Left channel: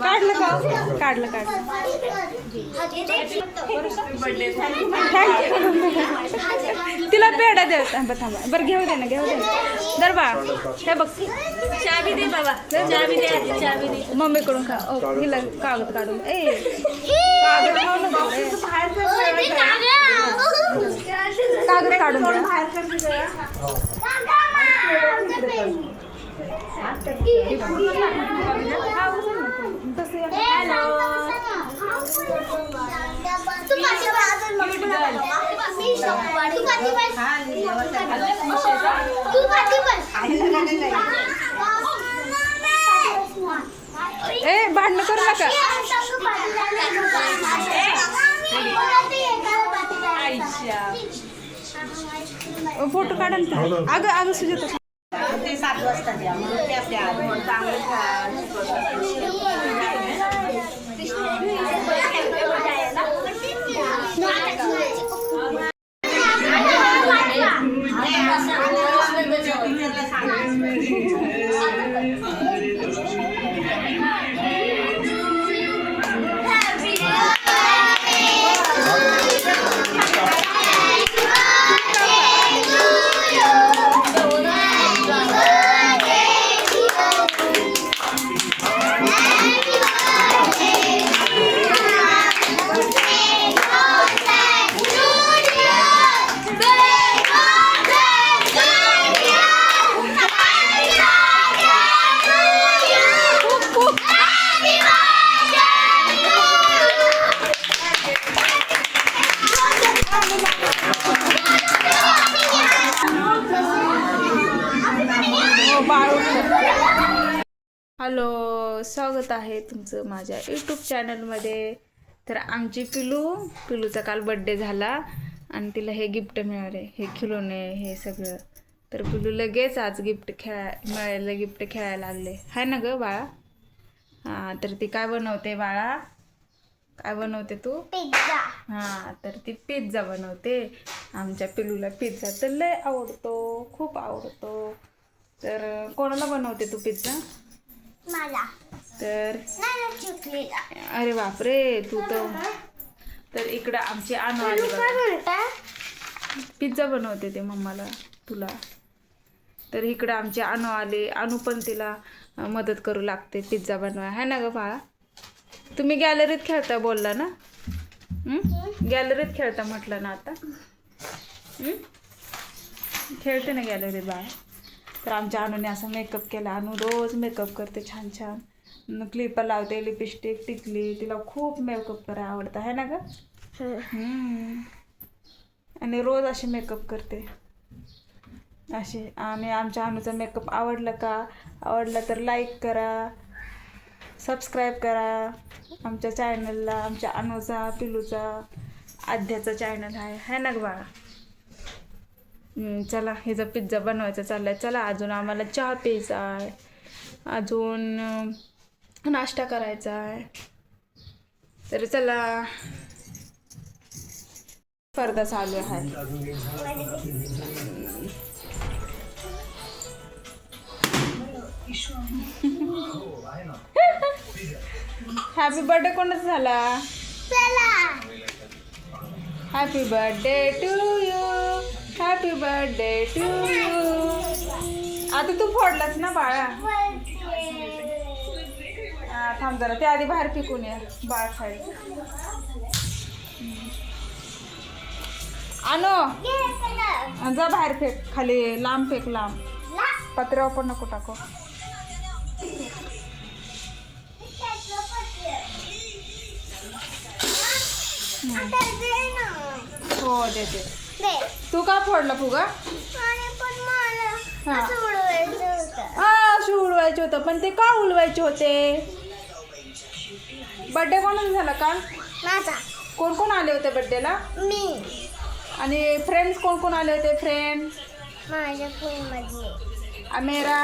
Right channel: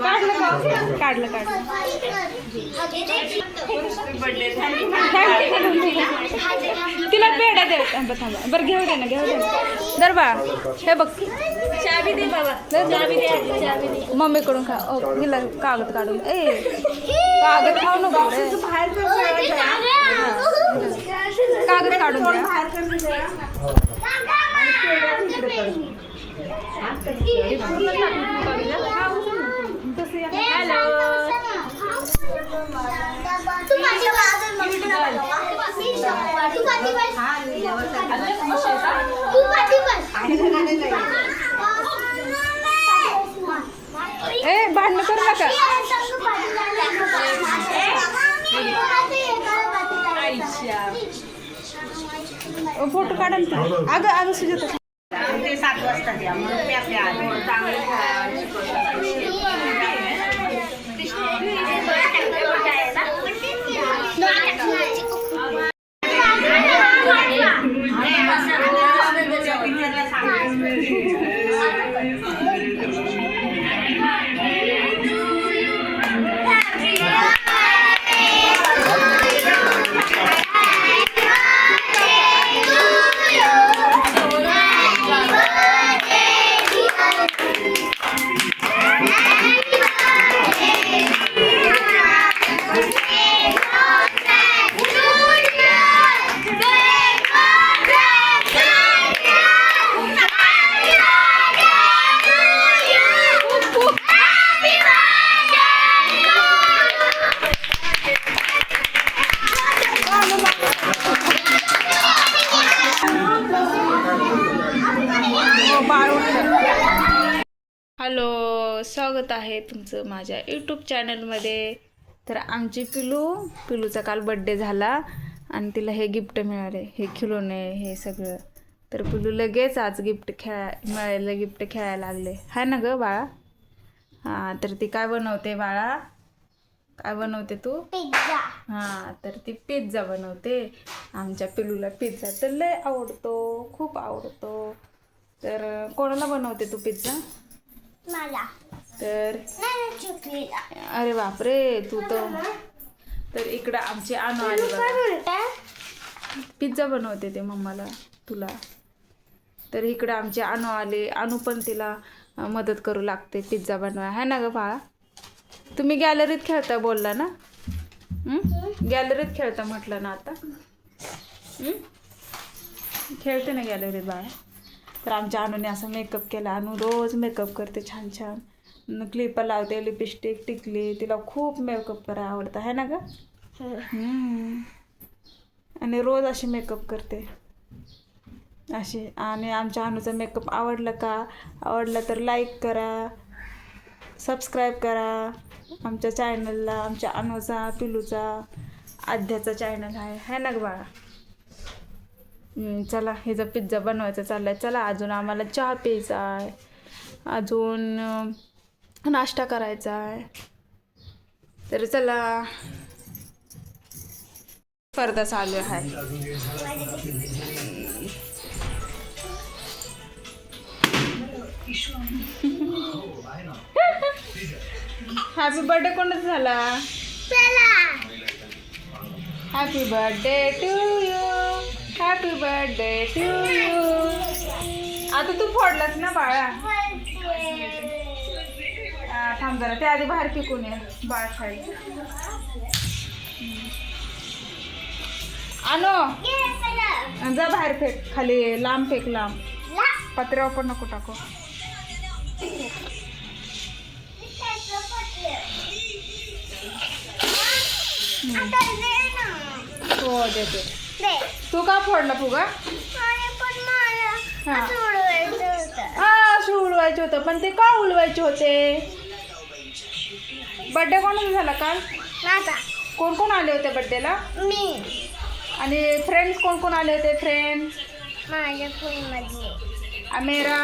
काढलं काढलं काढलं तिला पेढा दे थांबा थांबा बरं घेऊ दे ना घेऊ दे ना बा हे बघ चावी दे बाबा चावी दे चावी दे मम्मीकडून खा हिला कागद काढून ए कागद खाऊ नको रे कागद काढून द्या ए भांडण करू नका फोटो काढा अगं अगं सुजाता सात वाजता time. हॅलो स्वागत आहे तुमचं माझ्या यूट्यूब चॅनलमध्ये तर आमची पिलू पिलूचा काल बड्डे झाला आणि तिला हे गिफ्ट मिळाले हे खिलोने हे सगळं तर पिलू लगेच आज गिफ्ट खेळा मिळायला गिफ्ट खेळायला लागले हाय ना गं बाळा हां तर ती काय बनवते बाळा काय बनवते तू पिझ्झा हां तर ती पिझ्झा बनवते आमच्या पिलूला पिझ्झा तर लय आवडतो खूप आवडतो तर कोणाला बनवते तू पिझ्झा मला तर अरे बापरे तू तर तर इकडं आमची आणू आली पिझ्झा बनवते ते मम्माला तुला तर इकडं आमचे आणू आले आणू पण तिला मदत करू लागते पिझ्झा बनवायला है ना गं बाळा तुम्ही गॅलरीत खेळता बोलला ना गॅलरीत खेळता म्हटलं ना आता खेळते ना गॅलरीत बाहेर तर आमच्या अनुने असं मेकअप केला अनु रोज मेकअप करते छान छान क्लिपर लावते लिपस्टिक टिकली तिला खूप मेकअप करा आवडतं आहे ना गं हो. आणि रोज असे मेकअप करते असे आणि आमच्या अनुचा मेकअप आवडला का आवडला तर लाईक करा सबस्क्राईब करा आमच्या चॅनलला आमच्या अनुचा, पिलूचा आध्याचा चॅनल आहे है ना बाळा चला हिचा पिझ्झा बनवायचा चाललाय चला अजून आम्हाला चहा प्यायचा आहे अजून नाश्ता करायचा आहे तर चला स्पर्धा चालू आहे हॅपी बर्थडे कोणाचा झाला happy birthday to you happy birthday to you आता तू फोडलास ना बाळा थांब जरा ते आधी बाहेर फेकून ये बाळ खायला आणो जा बाहेर फेक खाली लांब फेक लांब पत्र्यावर पण नको टाको हो देते तू का फोडला फुगा असं उडवायचं होतं पण ते का उलवायचे होते बड्डे कोणाचा झाला काल कोण कोण आले होते बड्डेला मी आणि फ्रेंड्स कोण कोण आले होते फ्रेंड माझ्या अमेरा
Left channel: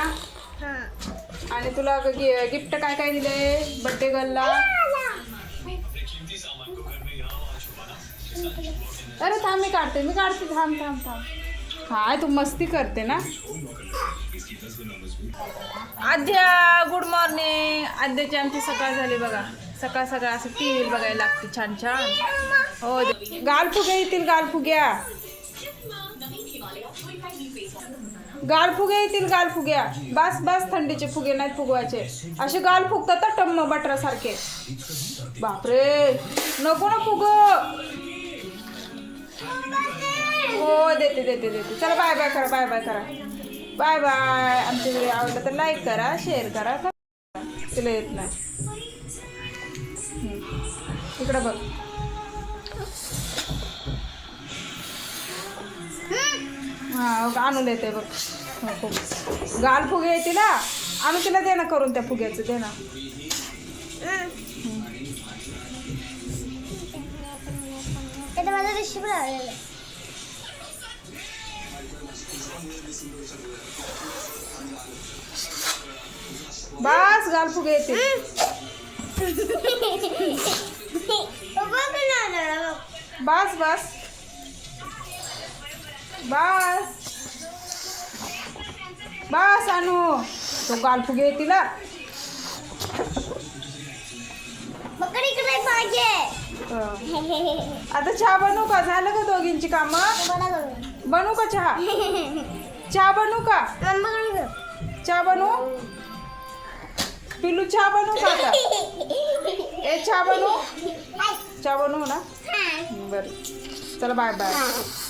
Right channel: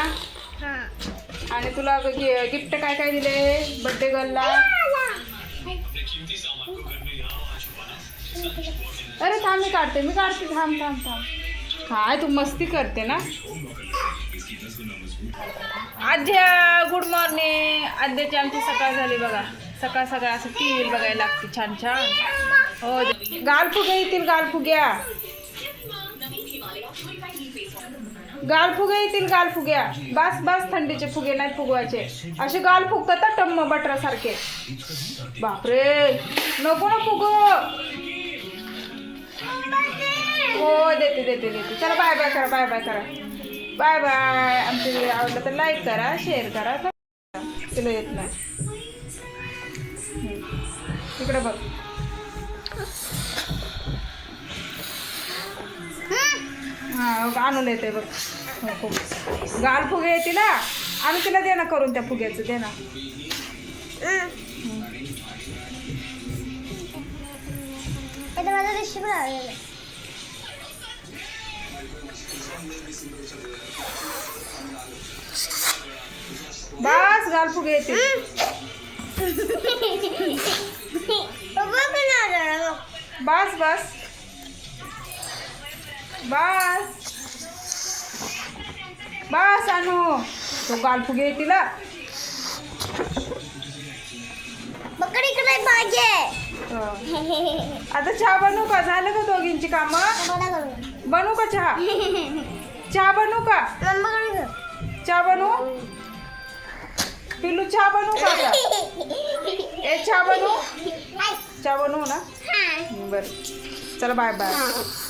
आणि तुला गिफ्ट काय काय दिले बड्डे गर्लला अरे थांब मी काढते मी काढते थांब थांब थांब काय तू मस्ती करते ना आद्या गुड मॉर्निंग आद्याची आमची सकाळ झाली बघा सकाळ सकाळ असं टी व्ही बघायला लागते छान छान हो फुगे येतील गाल गालफुगे येतील फुग्या बस बस थंडीचे फुगे नाहीत फुगवायचे असे गाल फुगतात टम्म बटरासारखे बापरे नको ना फुग देते देते चला बाय बाय करा बाय बाय करा बाय बाय आमचे व्हिडिओ आवडला तर लाईक करा शेअर करा तिला येत नाही इकडं बघ हा आणून येते बघ खूप हो, हो. गाल फुगे आहे तिला आणू तिला दे ना करून त्या फुग्याचं दे ना माझं बस गाल फुगे येते बस बस बस बस अनु तो गाल फुगे तिला आता चहा बनवू का झालं का दोघींची कामं बनू का चहा चहा बनू का चहा बनू पिलू चहा बनू का ए चहा बनू चहा बनू ना बरं चला बाय बाय